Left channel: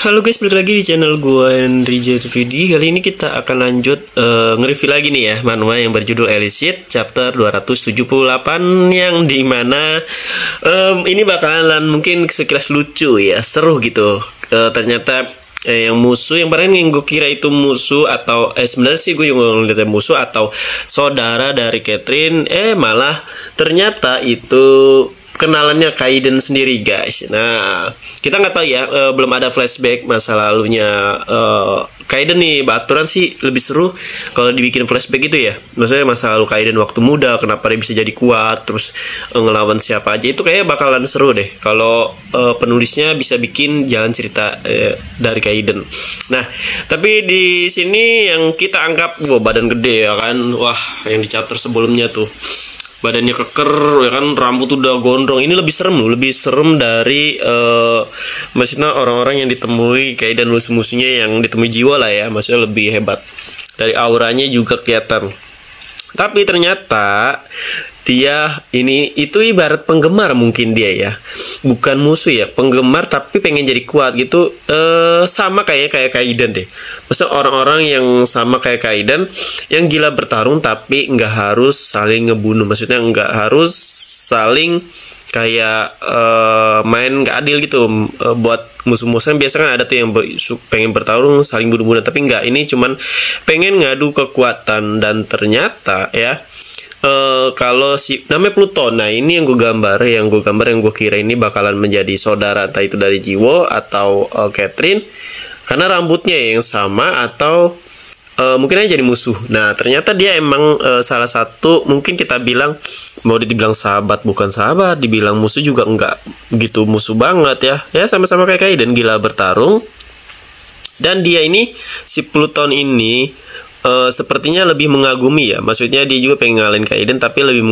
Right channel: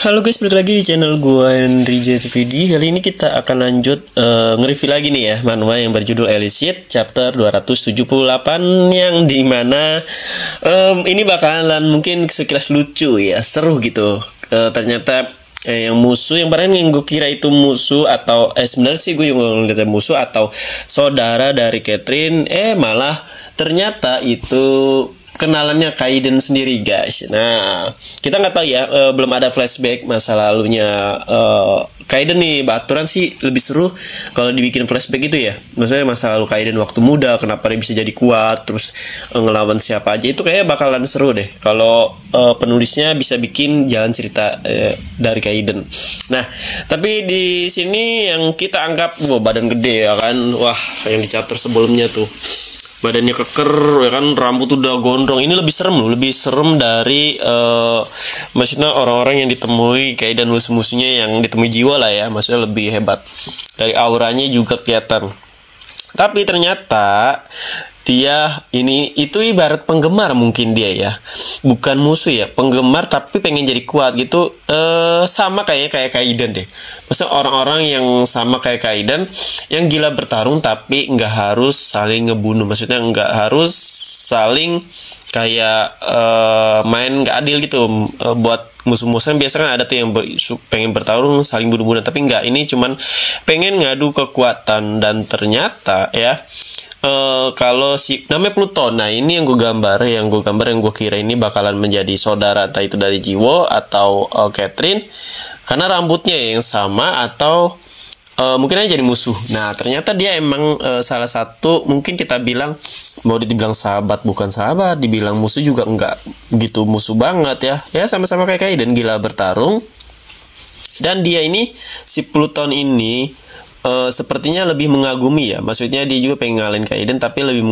Halo guys, balik lagi di channel gua Henry JTVD. Kali ini kita akan lanjut nge-review lagi nih ya manhwa yang berjudul Elise chapter 278, yang dimana ini bakalan mungkin sekilas lucu ya, seru gitu. Ternyata yang musuh yang barang yang gue kira itu musuh atau sebenarnya sih gue juga ngeliatnya musuh atau saudara dari Catherine, malah ternyata itu kenalannya Kaiden sendiri guys. Nah, kita nggak tahu ya, belum ada flashback masa lalunya Kaiden nih. Baturan sih lebih seru kalau dibikin flashback gitu ya. Maksudnya masa lalu Kaiden waktu muda, kenapa dia bisa jadi kuat, terus ngelawan siapa aja, itu kayaknya bakalan seru deh kalau penulisnya bisa bikin jalan cerita dari Kaiden. Nah, tapi di sini yang kita anggap badan gede ya kan. Wah, yang di chapter sebelumnya tuh badannya keker ya kan, rambut udah gondrong. Ini lebih serem dari maksudnya orang-orang yang ditemui kayak dan musuh-musuhnya yang ditemui jiwa lah ya, maksudnya lebih hebat. Dari auranya juga kelihatan. Tapi ternyata dia itu ibarat penggemar, mungkin dia ya, bukan musuh ya, penggemar tapi pengen jadi kuat gitu. Sama kayak Kaiden deh. Maksudnya orang-orang yang sama kayak Kaiden, yang gila bertarung tapi nggak harus saling ngebunuh. Maksudnya nggak harus saling kayak main nggak adil gitu buat musuh-musuhan. Biasanya kan ada tuh yang pengen bertarung saling bunuh-bunuh, tapi nggak, ini cuman pengen ngadu kekuatan. Dan ternyata ya, kalau si namanya Pluton, nah ini yang gue kira ini bakalan menjadi saudara, entah itu dari Jiwo atau Catherine, karena rambutnya yang sama, atau mungkin aja jadi musuh. Nah ternyata dia emang salah satu, mungkin kita bilang, mau dibilang sahabat bukan sahabat, dibilang musuh juga enggak begitu musuh banget ya sama-sama kayak Kaiden, gila bertarung. Dan dia ini, si Pluton ini sepertinya lebih mengagumi ya, maksudnya dia juga pengen ngalahin Kaiden tapi lebih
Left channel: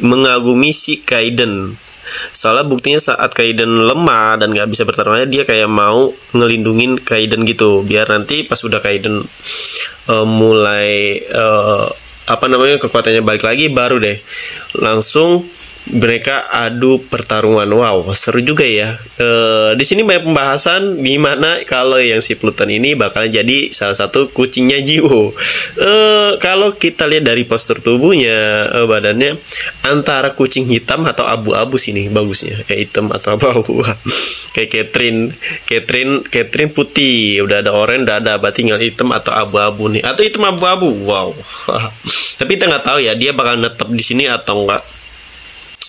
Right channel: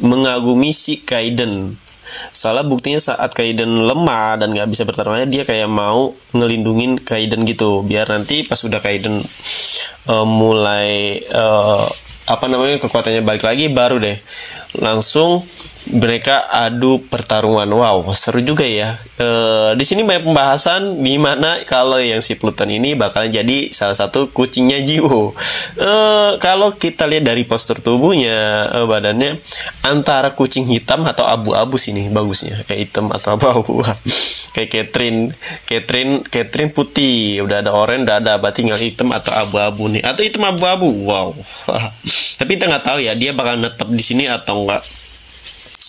mengagumi si Kaiden. Soalnya buktinya saat Kaiden lemah dan nggak bisa bertarung aja, dia kayak mau ngelindungin Kaiden gitu, biar nanti pas udah Kaiden mulai kekuatannya balik lagi, baru deh langsung mereka adu pertarungan. Wow, seru juga ya. Di sini banyak pembahasan gimana kalau yang si Pluton ini bakalan jadi salah satu kucingnya Jiwo. Kalau kita lihat dari postur tubuhnya, badannya antara kucing hitam atau abu-abu sini bagusnya, kayak hitam atau abu-abu. Kayak Catherine putih, udah ada oranye, udah ada, berarti tinggal hitam atau abu-abu nih, atau hitam abu-abu. Wow. Tapi kita nggak tahu ya dia bakal netep di sini atau enggak,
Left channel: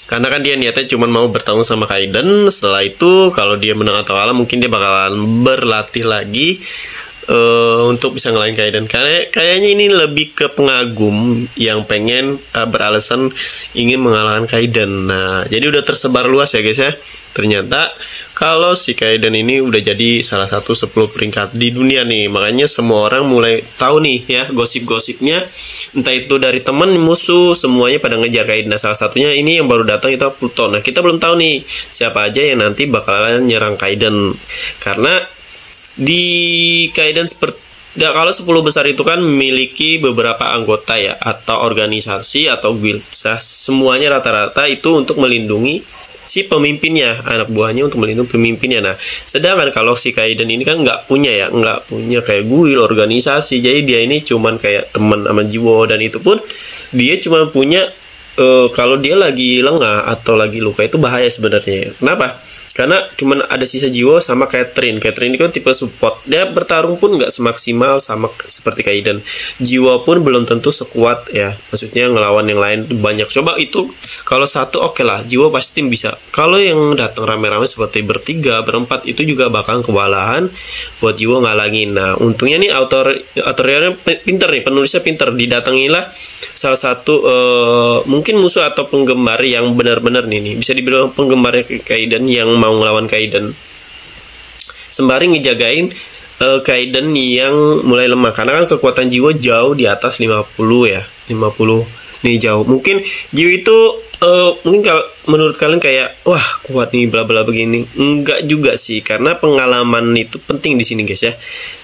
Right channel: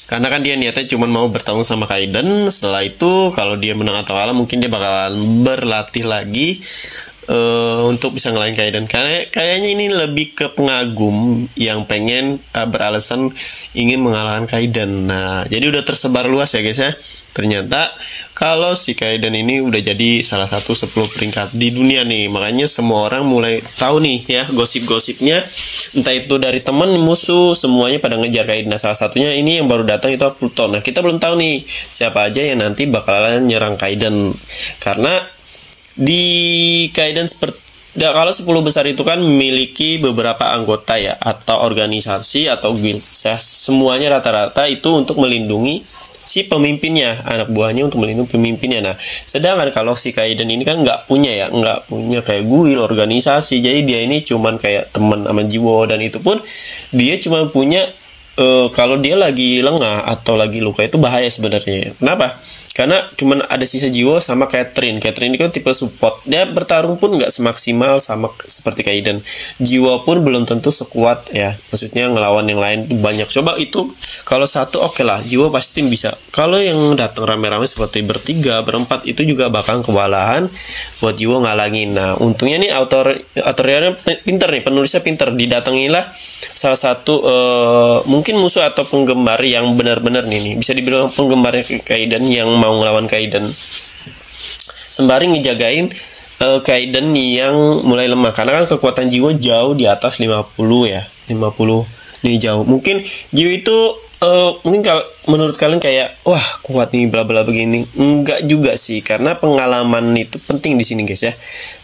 karena kan dia niatnya cuma mau bertarung sama Kaiden. Setelah itu kalau dia menang atau kalah, mungkin dia bakalan berlatih lagi untuk bisa ngelain Kaiden. Karena kayaknya ini lebih ke pengagum yang pengen beralasan ingin mengalahkan Kaiden. Nah jadi udah tersebar luas ya guys ya. Ternyata kalau si Kaiden ini udah jadi salah satu 10 peringkat di dunia nih. Makanya semua orang mulai tahu nih ya gosip-gosipnya, entah itu dari teman, musuh, semuanya pada ngejar Kaiden. Nah salah satunya ini yang baru datang itu Pluton. Nah kita belum tahu nih siapa aja yang nanti bakalan nyerang Kaiden, karena di Kaiden kalau 10 besar itu kan memiliki beberapa anggota ya, atau organisasi atau guild. Semuanya rata-rata itu untuk melindungi si pemimpinnya, anak buahnya, untuk melindungi pemimpinnya. Nah sedangkan kalau si Kaiden ini kan nggak punya kayak guild, organisasi. Jadi dia ini cuman kayak teman sama Jiwo, dan itu pun dia cuma punya kalau dia lagi lengah atau lagi luka itu bahaya sebenarnya. Kenapa? Karena cuman ada sisa Jiwo sama Catherine. Catherine ini kan tipe support. Dia bertarung pun nggak semaksimal sama seperti Kaiden. Jiwo pun belum tentu sekuat ya. Maksudnya ngelawan yang lain banyak. Coba itu kalau satu oke lah, Jiwo pasti bisa. Kalau yang datang rame-rame seperti bertiga, berempat, itu juga bakal kewalahan buat Jiwo ngalangin. Nah untungnya nih autornya pinter nih, penulisnya pinter. Didatangilah salah satu mungkin musuh atau penggemar yang benar-benar nih bisa dibilang penggemarnya Kaiden yang mau ngelawan Kaiden, sembari ngejagain Kaiden yang mulai lemah. Karena kan kekuatan Jiwo jauh di atas 50 ya, 50 nih jauh. Mungkin Jiwo itu mungkin kalau menurut kalian kayak wah kuat nih bla bla begini, enggak juga sih, karena pengalaman itu penting di sini guys ya.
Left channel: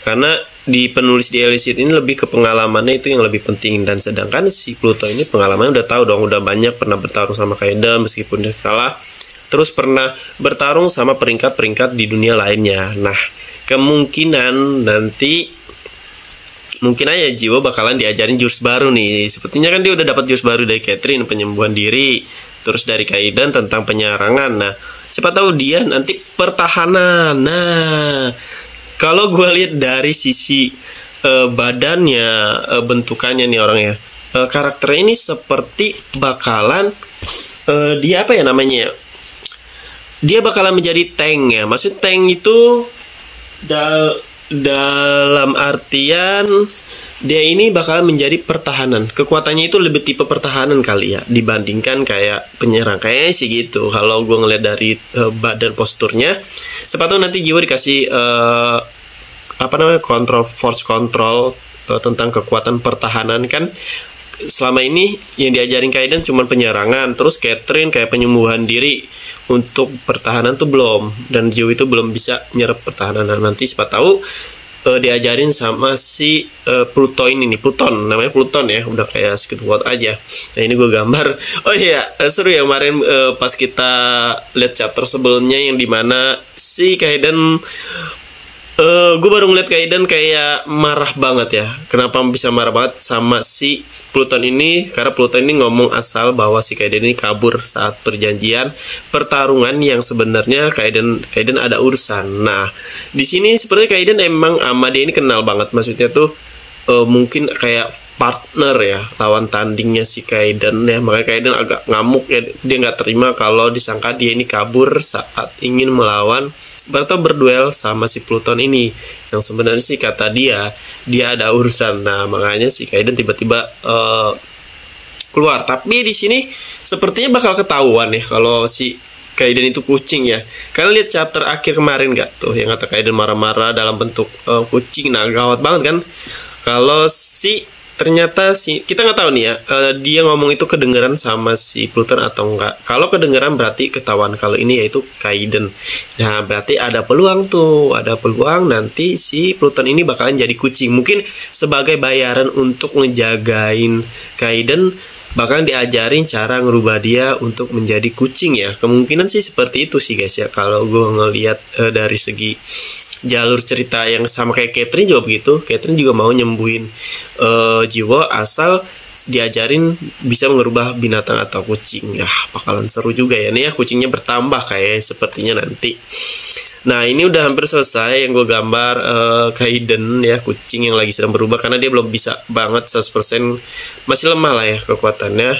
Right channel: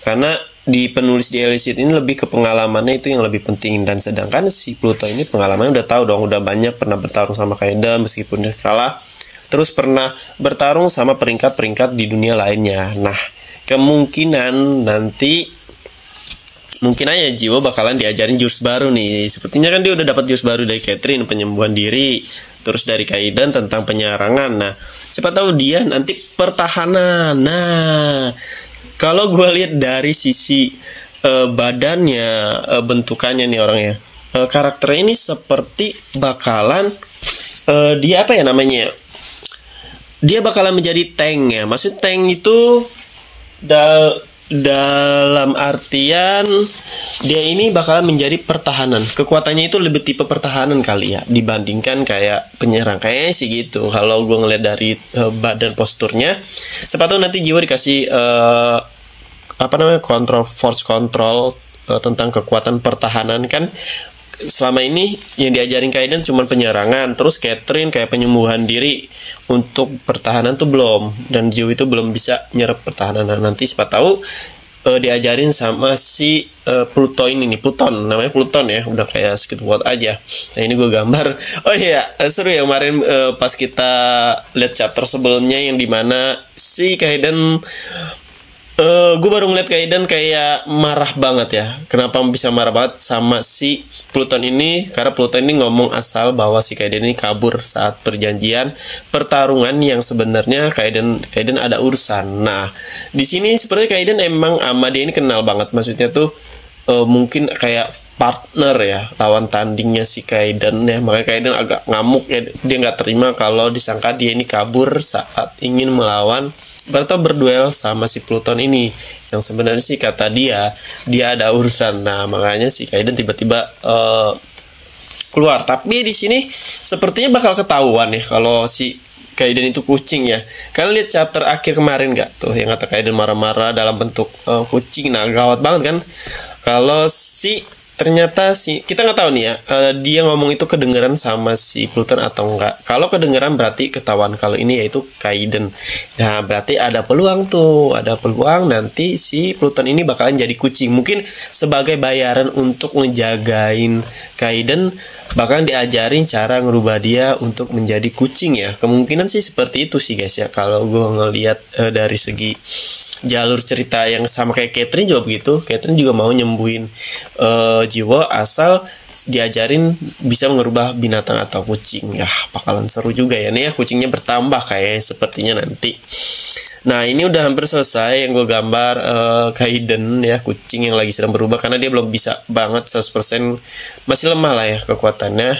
Karena di penulis di Elise ini lebih ke pengalamannya itu yang lebih penting. Dan sedangkan si Pluto ini pengalamannya udah tahu dong, udah banyak pernah bertarung sama Kaiden meskipun dia kalah, terus pernah bertarung sama peringkat-peringkat di dunia lainnya. Nah kemungkinan nanti mungkin aja Jiwo bakalan diajarin jurus baru nih. Sepertinya kan dia udah dapat jurus baru dari Catherine, penyembuhan diri, terus dari Kaidan tentang penyerangan. Nah, siapa tahu dia nanti pertahanan. Nah, kalau gue lihat dari sisi badannya, bentukannya nih orangnya, karakter ini seperti bakalan dia apa ya namanya? Dia bakalan menjadi tank ya. Maksud tank itu dalam artian dia ini bakalan menjadi pertahanan. Kekuatannya itu lebih tipe pertahanan kali ya dibandingkan kayak penyerang. Kayaknya sih gitu kalau gue ngeliat dari badan posturnya. Sepatu nanti Jiwo dikasih force control tentang kekuatan pertahanan kan. Selama ini yang diajarin Kaidan cuma penyerangan, terus Catherine kayak penyembuhan diri. Untuk pertahanan tuh belum, dan Jiwo itu belum bisa nyerap pertahanan. Nah, nanti siapa tahu diajarin sama si Pluton ini, Pluton namanya Pluton ya, udah kayak Squidward aja. Nah, ini gue gambar. Oh iya, seru ya kemarin pas kita lihat chapter sebelumnya yang dimana si Kaidan gue baru ngeliat Kaidan kayak marah banget ya. Kenapa bisa marah banget sama si Pluton ini? Karena Pluton ini ngomong asal bahwa si Kaidan ini kabur saat perjanjian pertarungan yang sebenarnya Kaidan ada urusan. Nah, di sini sepertinya Kaidan emang sama dia ini kenal banget. Maksudnya tuh mungkin kayak partner ya, lawan tandingnya si Kaidan ya. Makanya Kaidan agak ngamuk ya, dia nggak terima kalau disangka dia ini kabur saat ingin melawan atau berduel sama si Pluton ini, yang sebenarnya sih kata dia ada urusan. Nah, makanya si Kaidan tiba-tiba keluar. Tapi di sini sepertinya bakal ketahuan ya kalau si Kaidan itu kucing ya. Kalian lihat chapter akhir kemarin nggak tuh, yang kata Kaidan marah-marah dalam bentuk kucing. Nah, gawat banget kan kalau ternyata kita nggak tahu nih ya, dia ngomong itu kedengeran sama si Pluton atau enggak. Kalau kedengeran berarti ketahuan kalau ini yaitu Kaidan. Nah, berarti ada peluang nanti si Pluton ini bakalan jadi kucing. Mungkin sebagai bayaran untuk ngejagain Kaidan, bakalan diajarin cara ngerubah dia untuk menjadi kucing ya. Kemungkinan sih seperti itu sih guys ya, kalau gue ngelihat dari segi jalur cerita yang sama kayak Catherine juga begitu. Catherine juga mau nyembuhin Jiwo asal diajarin bisa merubah binatang atau kucing. Ya, bakalan seru juga ya nih ya, kucingnya bertambah kayak sepertinya nanti. Nah, ini udah hampir selesai yang gue gambar Kaidan ya, kucing yang lagi sedang berubah, karena dia belum bisa banget 100%, masih lemah lah ya kekuatannya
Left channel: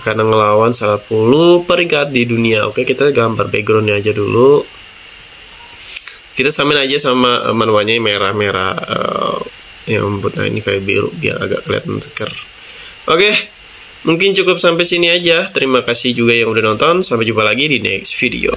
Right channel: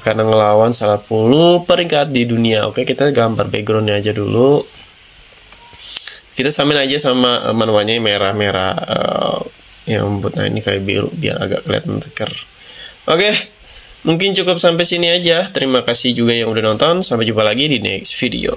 karena ngelawan salah 10 peringkat di dunia. Oke, kita gambar backgroundnya aja dulu. Kita samain aja sama manualnya merah-merah yang membuat. Nah, ini kayak biru biar agak kelihatan seger. Oke, mungkin cukup sampai sini aja. Terima kasih juga yang udah nonton. Sampai jumpa lagi di next video.